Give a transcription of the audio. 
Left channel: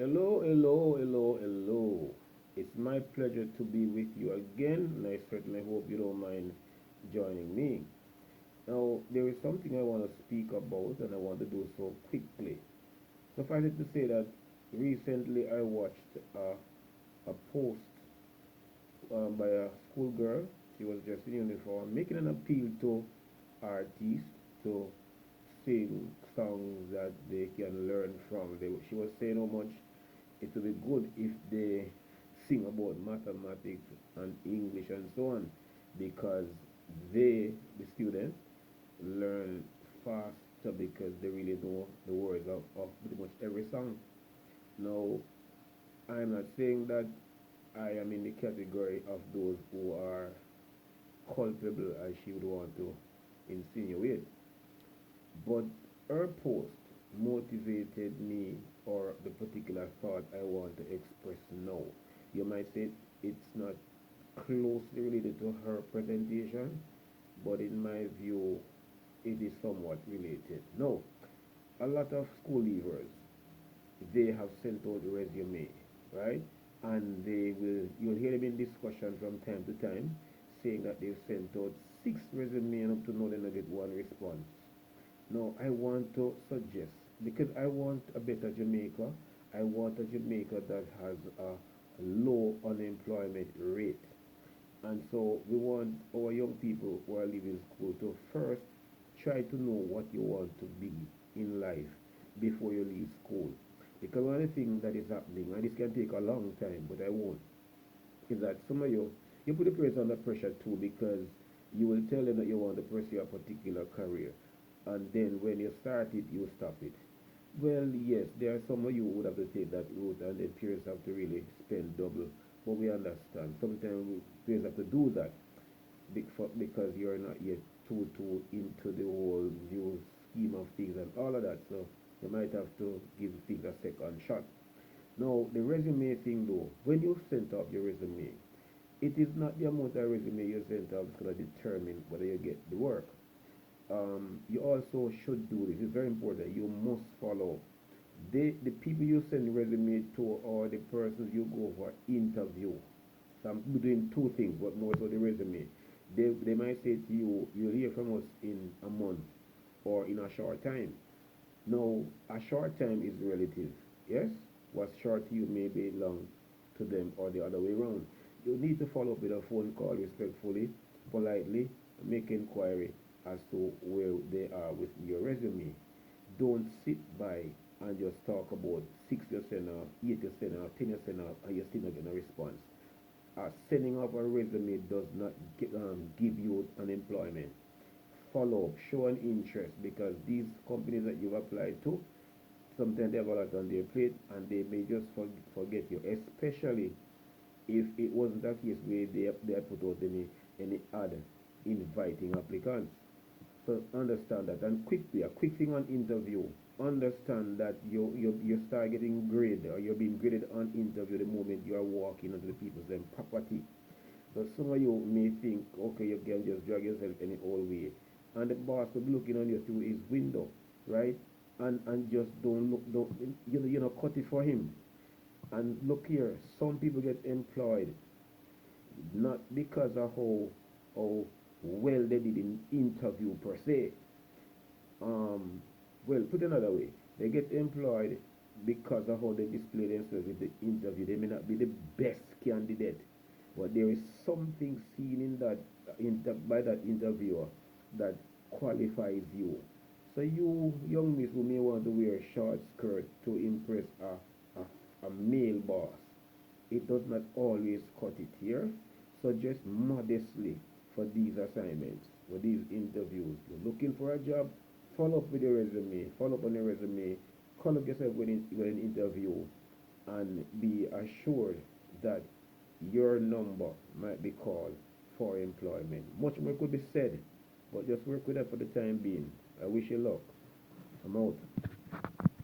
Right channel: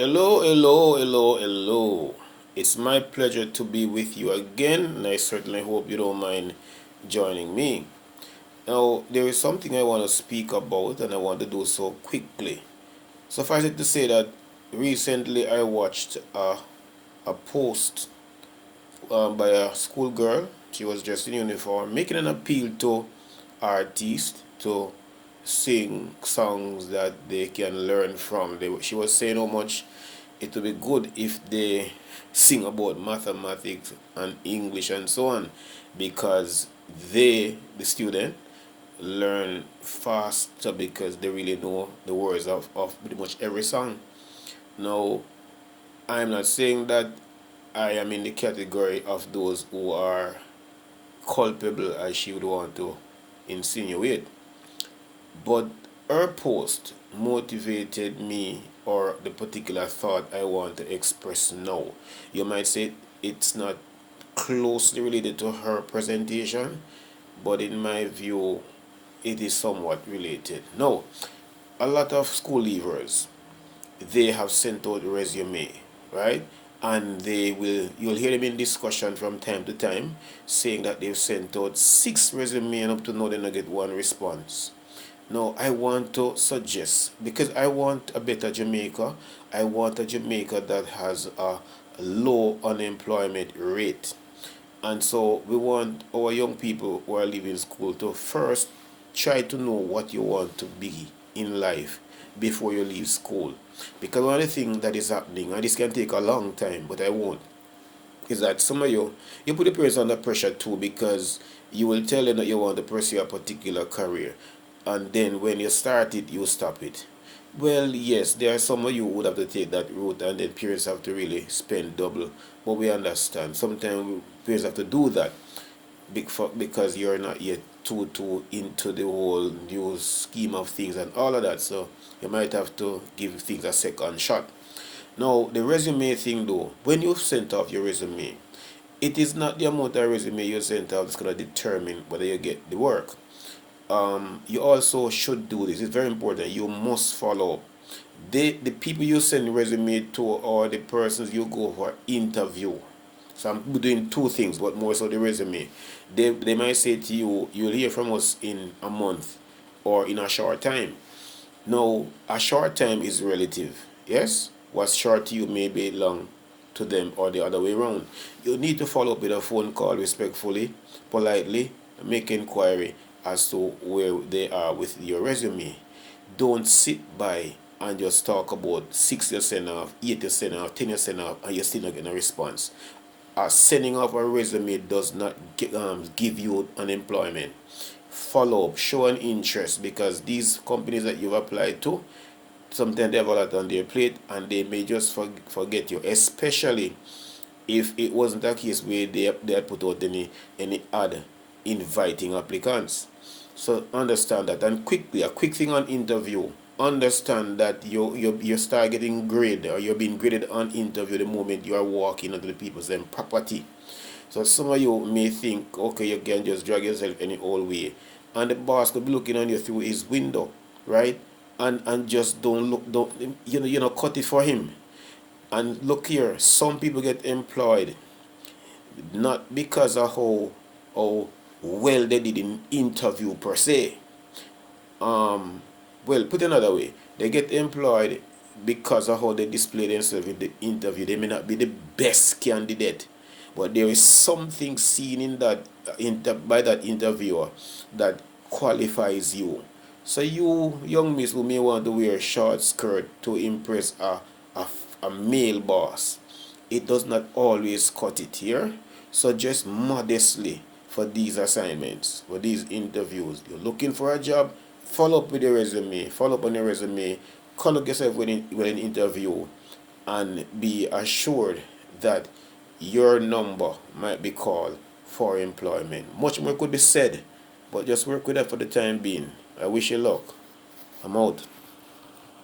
Hello, hello, hello, hello. It's my pleasure to be with you again, and I certainly hope you don't mind joining me. Now, there is something I want to speak about, and I want to do so quickly. Suffice it to say that recently I watched a post by a schoolgirl. She was dressed in uniform, making an appeal to artists to sing songs that they can learn from. She was saying how much it would be good if they sing about mathematics and English and so on, because the student, learn faster because they really know the words of pretty much every song. Now, I'm not saying that I am in the category of those who are culpable, as she would want to insinuate. But her post motivated me, or the particular thought I want to express now. You might say it's not closely related to her presentation, but in my view, it is somewhat related. Now, a lot of school leavers, they have sent out resume, right? And you'll hear them in discussion from time to time saying that they've sent out 6 resume and up to now they not get one response. Now, I want to suggest, because I want a better Jamaica, I want a Jamaica that has a low unemployment rate. And so we want our young people who are leaving school to first try to know what you want to be in life before you leave school. Because one of the things that is happening, and this can take a long time, but I won't, is that some of you put the parents under pressure too, because you will tell them that you want to pursue a particular career, and then when you start it, you stop it. Well, yes, there are some of you who would have to take that route, and then parents have to really spend double. But we understand. Sometimes parents have to do that because you're not yet too into the whole new scheme of things and all of that. So you might have to give things a second shot. Now, the resume thing though, when you've sent off your resume, it is not the amount of resume you sent off that's going to determine whether you get the work. You also should do this. It's very important. You must follow up. The people you send resume to, or the persons you go for interview. So I'm doing two things, but more so the resume. They might say to you, you'll hear from us in a month or in a short time. Now, a short time is relative. Yes? What's short to you may be long to them, or the other way around. You need to follow up with a phone call respectfully, politely, make inquiry as to where they are with your resume. Don't sit by and just talk about 6% off, 8% off, 10% off, and you're still not getting a response. Sending off a resume does not give you unemployment. Follow up, show an interest, because these companies that you've applied to, sometimes they have a lot on their plate and they may just forget you, especially if it wasn't a case where they had put out any ad inviting applicants. So understand that. And quickly, a quick thing on interview, understand that you start getting graded, or you're being graded on interview the moment you are walking onto the people's property. So some of you may think, okay, you can just drag yourself any old way, and the boss could be looking on you through his window, right? And just don't cut it for him. And look here, some people get employed not because of how well they did in interview per se. Well, put another way, they get employed because of how they display themselves in the interview. They may not be the best candidate, but there is something seen in that by that interviewer that qualifies you. So you young miss who may want to wear a short skirt to impress a, a male boss, it does not always cut it here. So just modestly for these assignments, for these interviews, you're looking for a job, follow up with your resume, follow up on your resume, conduct yourself with an interview, and be assured that your number might be called for employment. Much more could be said, but just work with that for the time being. I wish you luck. I'm out.